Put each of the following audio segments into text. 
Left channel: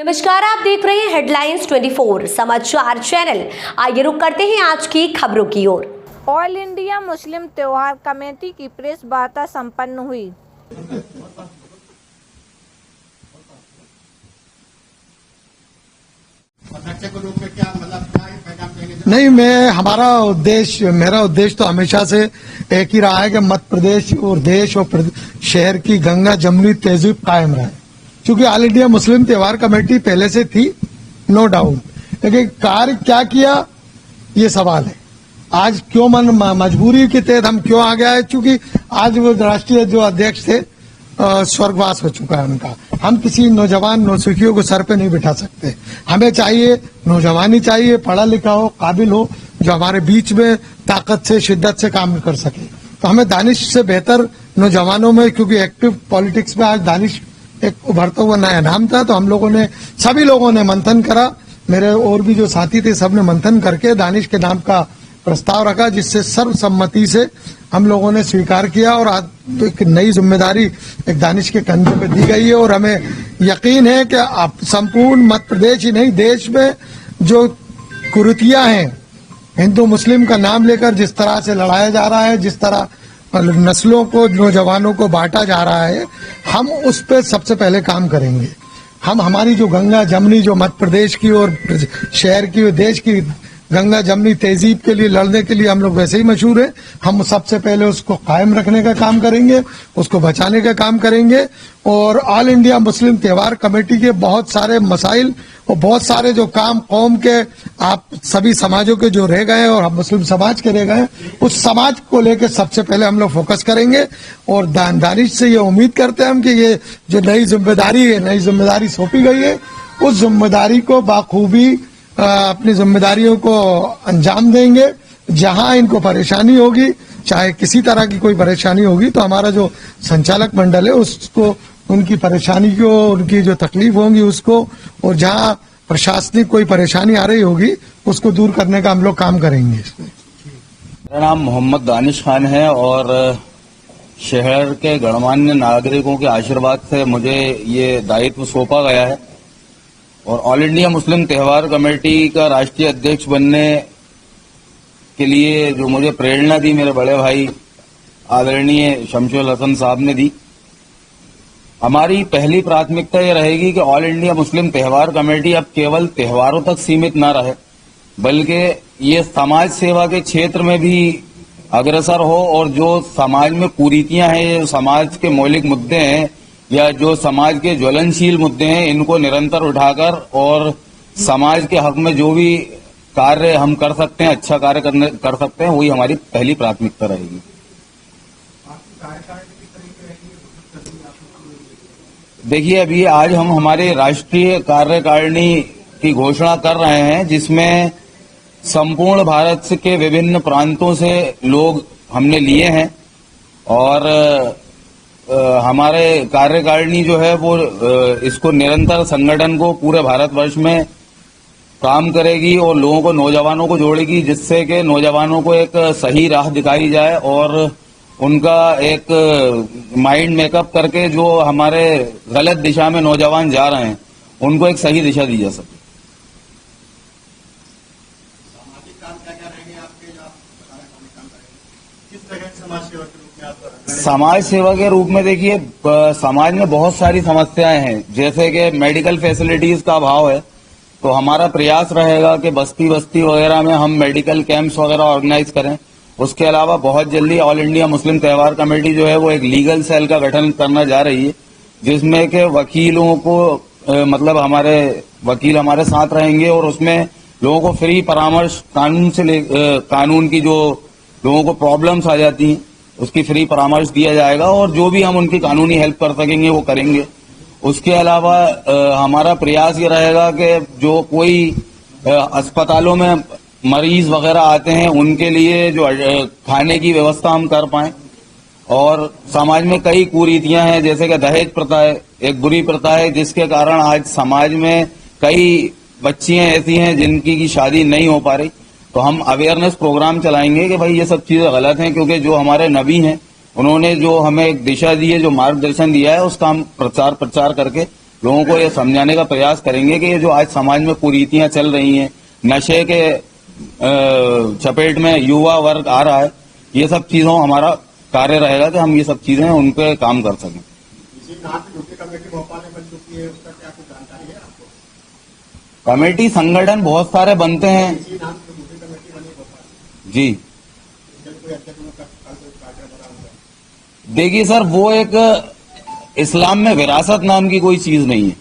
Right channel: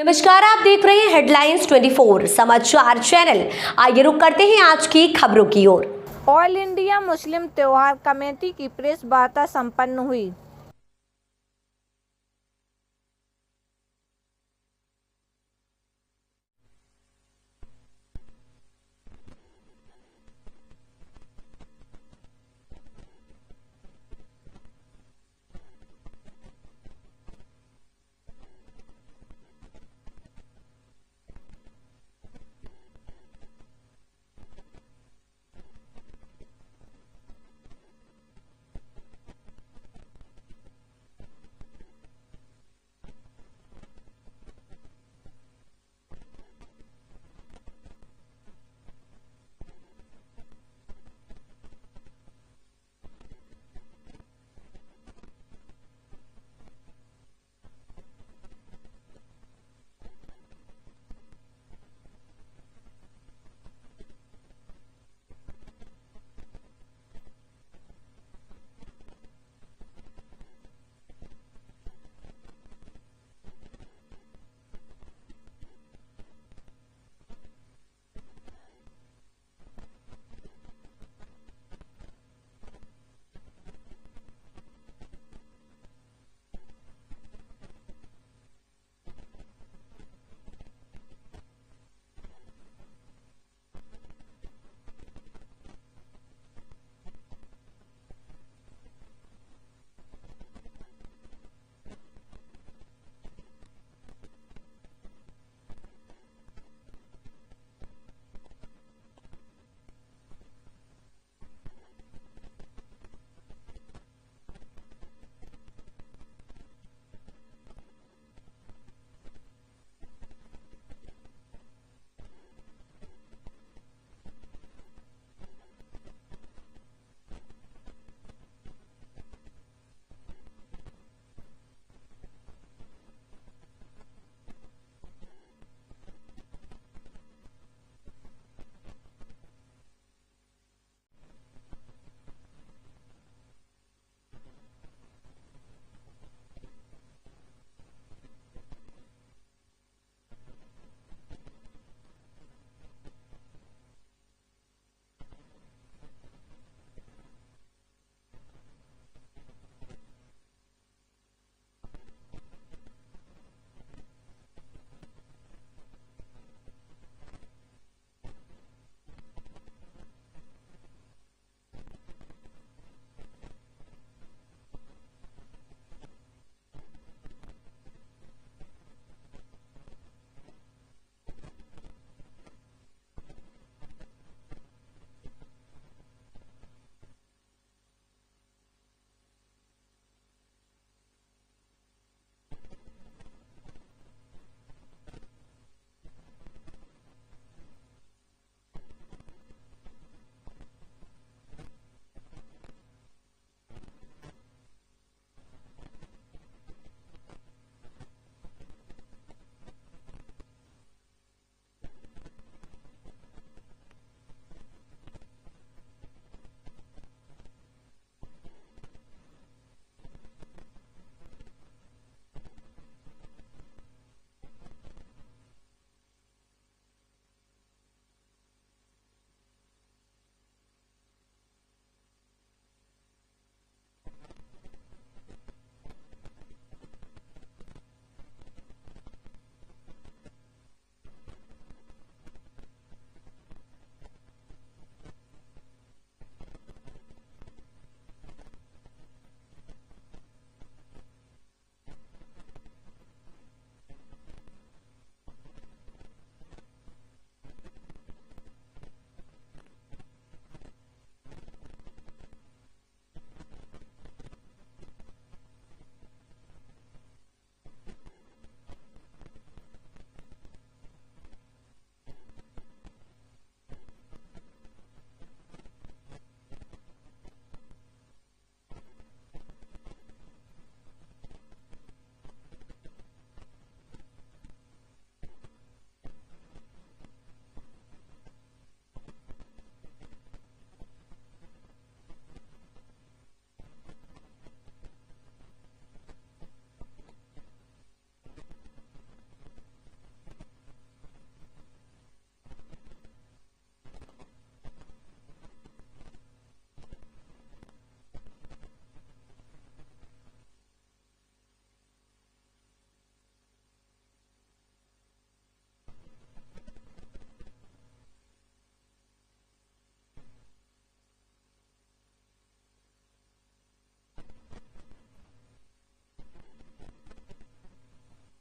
नमस्कार, आप देख रहे हैं हेडलाइंस 24 समाचार चैनल। आइए रुक करते हैं आज की खबरों की ओर। ऑल इंडिया मुस्लिम त्योहार कमेटी की प्रेस वार्ता संपन्न हुई। नहीं, मेरा उद्देश्य तो हमेशा से एक ही रहा है कि मध्य प्रदेश और देश और शहर की गंगा जमुनी तहजीब कायम रहे। क्योंकि ऑल इंडिया मुस्लिम त्योहार कमेटी पहले से थी, नो डाउट, लेकिन कार्य क्या किया ये सवाल है। आज क्यों मजबूरी के तहत हम क्यों आ गया है, क्योंकि आज वो राष्ट्रीय जो अध्यक्ष थे स्वर्गवास हो चुका है उनका। हम किसी नौजवान नौसिखियों को सर पे नहीं बिठा सकते। हमें चाहिए नौजवानी, चाहिए पढ़ा लिखा हो, काबिल हो, जो हमारे बीच में ताकत से शिद्दत से काम कर सके। तो हमें दानिश से बेहतर नौजवानों में, क्योंकि एक्टिव पॉलिटिक्स में आज दानिश एक उभरता हुआ नया नाम था, तो हम लोगों ने, सभी लोगों ने मंथन करा, मेरे और भी जो साथी थे सबने मंथन करके दानिश के नाम का प्रस्ताव रखा, जिससे सर्वसम्मति से हम लोगों ने स्वीकार किया। और आज एक नई जिम्मेदारी एक दानिश के कंधे पे दी गई है। और हमें यकीन है कि आप संपूर्ण मध्य प्रदेश ही नहीं, देश में जो कुरीतियां हैं, हिंदू मुस्लिम का नाम लेकर जिस तरह से लड़ाया जा रहा है, जिस तरह नस्लों को, नौजवानों को बांटा जा रहा है, हम उस पर सबसे पहले काम करेंगे। हम हमारी जो गंगा जमुनी, जो मध्य प्रदेश की और शहर की और देश की गंगा जमुनी तहजीब के लिए लड़ने के लिए हम लोग वैसे ही मशहूर हैं। हम सबसे पहले उसको कायम रखने का काम करेंगे, उसको बचाने का काम करेंगे। और ऑल इंडिया मुस्लिम त्योहार कमेटी के बहुत सारे मसाइल और बहुत सारे जो काम कौम के, आप सभी समाजों के जो रह गए और मुस्लिम समाज के रह गए, उस समाज को लेकर सबसे पहले हम लोग फोकस करेंगे। और दानिश से ये उम्मीद करते हैं हम कि ये जो नई जिम्मेदारी सौंपी गई है, उस जिम्मेदारी को बाखूबी अपनी जिम्मेदारियों को अंजाम देंगे। जहां इनको परेशानी होगी, चाहे किसी तरह की कोई परेशानी होगी, तो हमारा जो संचालक मंडल है उसको, उनकी परेशानी को, उनकी जो तकलीफ होगी उसको, और जहां प्रशासनिक कोई परेशानी आ रही होगी उसको दूर करने का हम लोग काम करेंगे। मेरा नाम मोहम्मद दानिश खान है और शहर के गणमान्य नागरिकों के आशीर्वाद से मुझे ये दायित्व सौंपा गया है। और ऑल इंडिया मुस्लिम त्योहार कमेटी का राष्ट्रीय अध्यक्ष बनने के लिए जो मुझे प्रेरणा दी, मेरे बड़े भाई आदरणीय शमशुल हसन साहब ने दी। हमारी पहली प्राथमिकता ये रहेगी कि ऑल इंडिया मुस्लिम त्योहार कमेटी अब केवल त्योहारों तक सीमित न रहे, बल्कि ये समाज सेवा के क्षेत्र में भी अग्रसर हो। और जो समाज में कुरीतियां हैं, जो समाज के मौलिक मुद्दे हैं या जो समाज के ज्वलनशील मुद्दे हैं, इनको निरंतर उठाकर और समाज के हक में जो भी कार्य हम कर सकते हैं, अच्छा कार्य कर सकते हैं, वही हमारी पहली प्राथमिकता रहेगी। देखिए, अभी आज हम हमारे राष्ट्रीय कार्यकारिणी की घोषणा कर रहे हैं, जिसमें संपूर्ण भारत के विभिन्न प्रांतों से लोग हमने लिए हैं। और हमारे कार्यकारिणी जो है वो इसको निरंतर संगठन को पूरे भारतवर्ष में काम करेगी और लोगों को, नौजवानों को जोड़ेगी, जिससे कि नौजवानों को एक सही राह दिखाई जाए और उनका एक माइंड मेकअप करके जो हमारे गलत दिशा में नौजवान जा रहे हैं, उनको एक सही दिशा दी जा सके। समाज सेवा के रूप में देखिए, समाज में बहुत सारी समस्याएं हैं, जैसे कि मेडिकल फैसिलिटीज का अभाव है। तो हमारा प्रयास रहेगा कि बस्ती बस्ती वगैरह में हम मेडिकल कैंप्स वगैरह ऑर्गेनाइज करें। उसके अलावा बहुत जल्दी ऑल इंडिया मुस्लिम त्योहार कमेटी जो है वो एक लीगल सेल का गठन करना जा रही है, जिसमें के वकीलों को, मतलब हमारे वकील हमारे साथ रहेंगे और उसमें लोगों को फ्री परामर्श, कानून की जो लोगों को प्रॉब्लम्स आ जाती हैं उसकी फ्री परामर्श दिया जाएगा और जो भी हम उनकी कानूनी हेल्प कर सकेंगे वो करेंगे। उसके अलावा हमारा प्रयास ये रहेगा कि जो कोई अस्पतालों में मरीज वगैरह आते हैं उनके लिए जो खाने की व्यवस्था हम कर पाएं। और समाज में कई कुरीतियां हैं, जैसे कि दहेज प्रथा है, एक बुरी प्रथा है, जिसके कारण आज समाज में कई बच्चियां ऐसी हैं जिनकी की शादी नहीं हो पा रही। तो हम अवेयरनेस प्रोग्राम चलाएंगे कि भाई ये सब चीजें गलत हैं, क्योंकि जो हमारे नबी हैं उन्होंने जो हमें एक दिशा दी है, जो मार्गदर्शन दिया है, उसका हम प्रचार करके लोगों को ये समझाने का प्रयास करेंगे कि ये जो आज समाज में कुरीतियां चल रही हैं, नशे के चपेट में युवा वर्ग आ रहा है, ये सब चीजों हमारा कार्य रहेगा कि हम ये सब चीजें उन पे काम कर सकें। कमेटी संगठन बहुत सारे बनते हैं जी। देखिए सर, वो एक इस्लाम में विरासत नाम की कोई चीज नहीं है,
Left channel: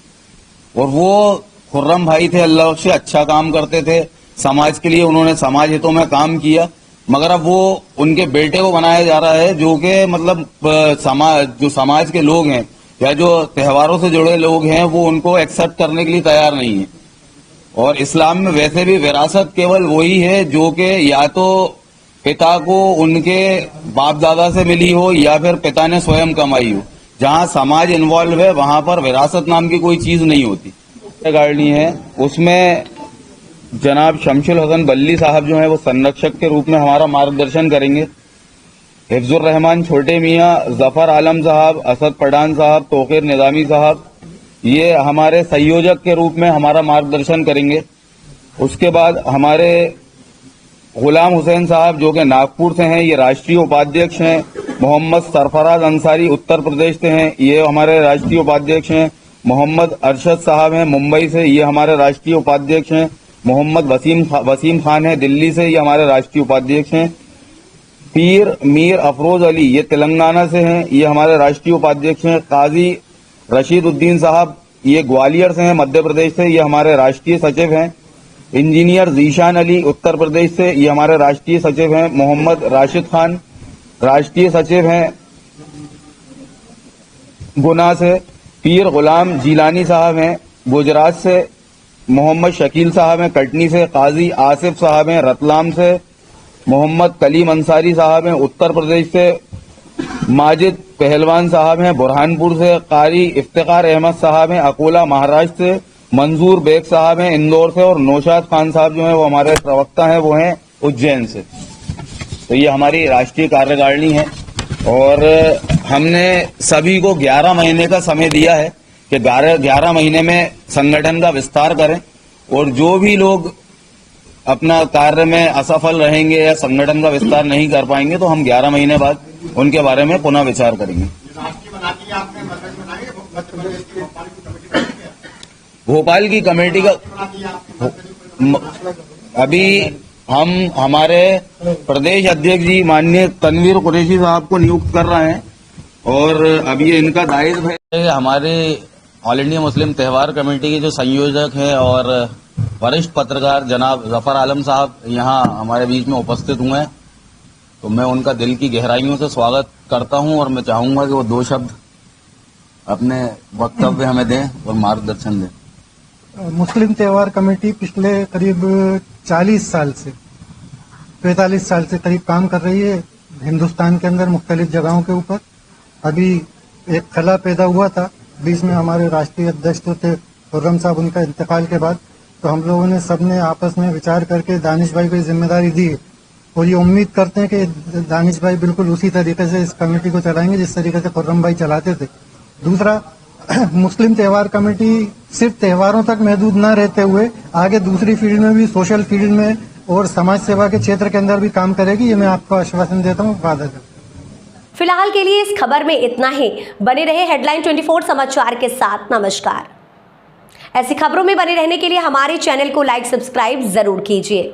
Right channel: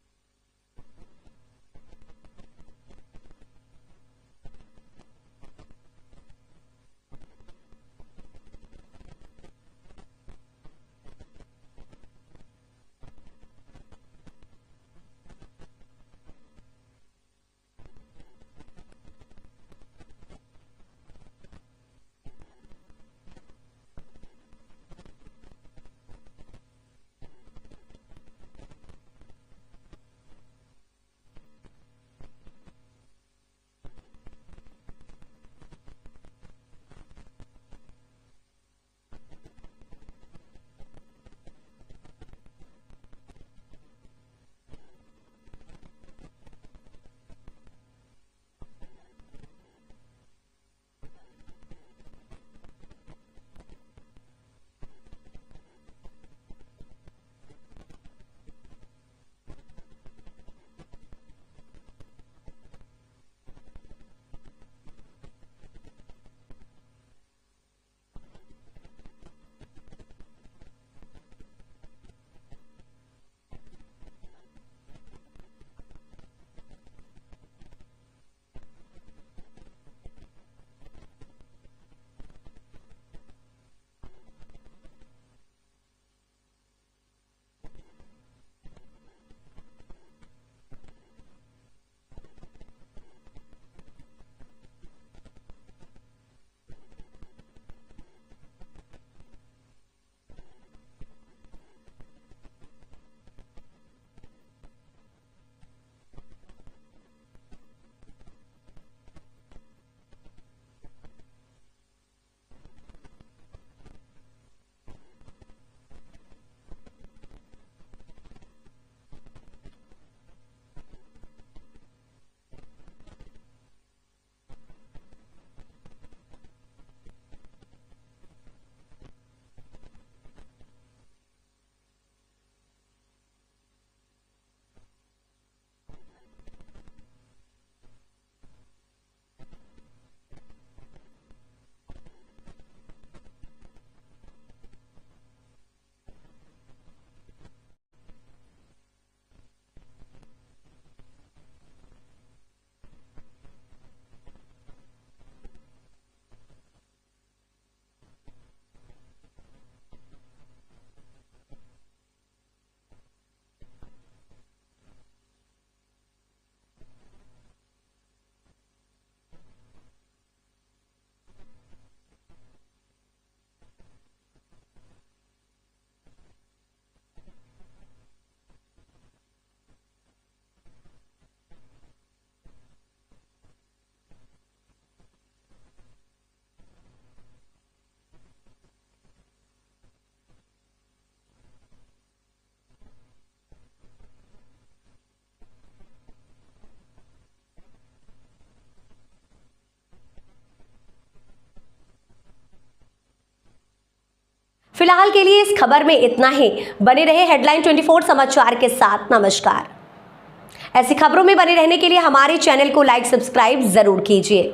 और वो खुर्रम भाई थे, अल्लाह से अच्छा काम करते थे, समाज के लिए उन्होंने समाज हितों में काम किया, मगर अब वो उनके बेटे को बनाया जा रहा है जो कि मतलब जो समाज के लोग हैं या जो त्योहारों से जुड़े लोग हैं वो उनको एक्सेप्ट करने के लिए तैयार नहीं है। और इस्लाम में वैसे भी विरासत केवल वही है जो कि या तो पिता को उनके बाप दादा से मिली हो या फिर पिता ने स्वयं कमाई हो। जहां समाज इन्वॉल्व है वहां पर विरासत नाम की कोई चीज नहीं होती। गाड़ी है उसमें जनाब शमशुल हसन बल्ली साहब जो है वो संरक्षक के रूप में हमारा मार्गदर्शन करेंगे। हिफ्जुर रहमान छोटे मियाँ, जफर आलम साहब, असद पठान साहब, तोकीर निजामी साहब ये हमारे संयोजक के रूप में हमारा मार्गदर्शन करेंगे। उसके बाद हमारे गुलाम हुसैन साहब जो कि नागपुर से हैं, ये राष्ट्रीय उपाध्यक्ष हैं। मोहम्मद सरफराज अंसारी उत्तर प्रदेश से हैं, ये हमारे राष्ट्रीय उपाध्यक्ष हैं। मोहम्मद अरशद साहब हैं मुंबई से, ये हमारे राष्ट्रीय उपाध्यक्ष हैं। मोहम्मद वसीम खान है दिल्ली से, ये हमारे राष्ट्रीय उपाध्यक्ष हैं। पीर मीर अफरोज अली ये तेलंगाना से हैं, ये हमारे राष्ट्रीय उपाध्यक्ष हैं। काजी रशीद उद्दीन साहब ये ग्वालियर से हैं मध्य प्रदेश से, ये हमारे राष्ट्रीय सचिव हैं। इंजीनियर जीशान अली उत्तर प्रदेश से, ये हमारे राष्ट्रीय सचिव हैं। मोहम्मद राशिद खान राष्ट्रीय सचिव हैं गुना से। पीर गुलाम जिलानी साहब हैं गुजरात से। मोहम्मद शकील साहब हैं कटनी से। काजी आसिफ साहब हैं रतलाम से। मोहम्मद कलीम अंसारी साहब हैं उत्तर प्रदेश से। माजिद पहलवान साहब हैं बुरहानपुर से। कारी इफ्तिकार अहमद साहब हैं अकोला महाराष्ट्र से। मंजूर बेग साहब हैं इंदौर से। और नौशाद खान साहब जो हैं वो हमारे प्रवक्ता हैं, वो हैं उज्जैन से। तो ये हमारी राष्ट्रीय कार्यकारिणी है और हमने सभी को 11 महीने का समय दिया है कि 11 महीने में संगठन का विस्तार करें, और जो भी लोग अपना कार्य में असफल रहेंगे या संगठन का विस्तार नहीं कर पाएंगे तो हम 11 महीने बाद उनके बारे में पुनः विचार करेंगे। भोपाल की कमेटी का अभी हम हमारे प्रदेश अध्यक्ष जी माननीय तनवीर कुरैशी साहब को नियुक्त कर रहे हैं, और अभी इनका दायित्व है। हमारे ऑल इंडिया मुस्लिम त्यौहार कमेटी के जो संयोजक हैं और वरिष्ठ पत्रकार जनाब जफर आलम साहब यहाँ हमारे बीच में उपस्थित हुए हैं, तो मैं उनका दिल की गहराइयों से स्वागत करता हूं, और मैं चाहूंगा कि वो 2 शब्द अपने वक्तव्य हमें दें और मार्गदर्शन दें। मुस्लिम त्यौहार कमेटी पिछले करीब 45 साल से करीब काम कर रही है हिंदुस्तान के अंदर मुख्तलिफ जगहों के ऊपर। अभी एक खला पैदा हुआ था, बीच में हमारे राष्ट्रीय अध्यक्ष जो थे खुर्रम साहब, उनका इंतकाल के बाद तो हम लोगों ने सबने आपस में विचार करके दानिश भाई को जिम्मेदारी दी, और ये उम्मीद करते हैं कि दानिश भाई बिल्कुल उसी तरीके से इस कमेटी को चलाएंगे जिस तरीके से खुर्रम भाई चलाते थे। दूसरा, मुस्लिम त्यौहार कमेटी सिर्फ त्योहारों तक महदूद न रहते हुए आगे दूसरी फील्ड में भी, सोशल फील्ड में और समाज सेवा के क्षेत्र के अंदर भी काम करेगी, ये मैं आपको आश्वासन देता हूँ, वादा करता हूँ। फिलहाल के लिए इस खबर में इतना ही। बने रहे हेडलाइन 24 समाचार के साथ। नमस्कार। ऐसी खबरों में बने रहने के लिए हमारे चैनल को लाइक सब्सक्राइब जरूर कीजिए।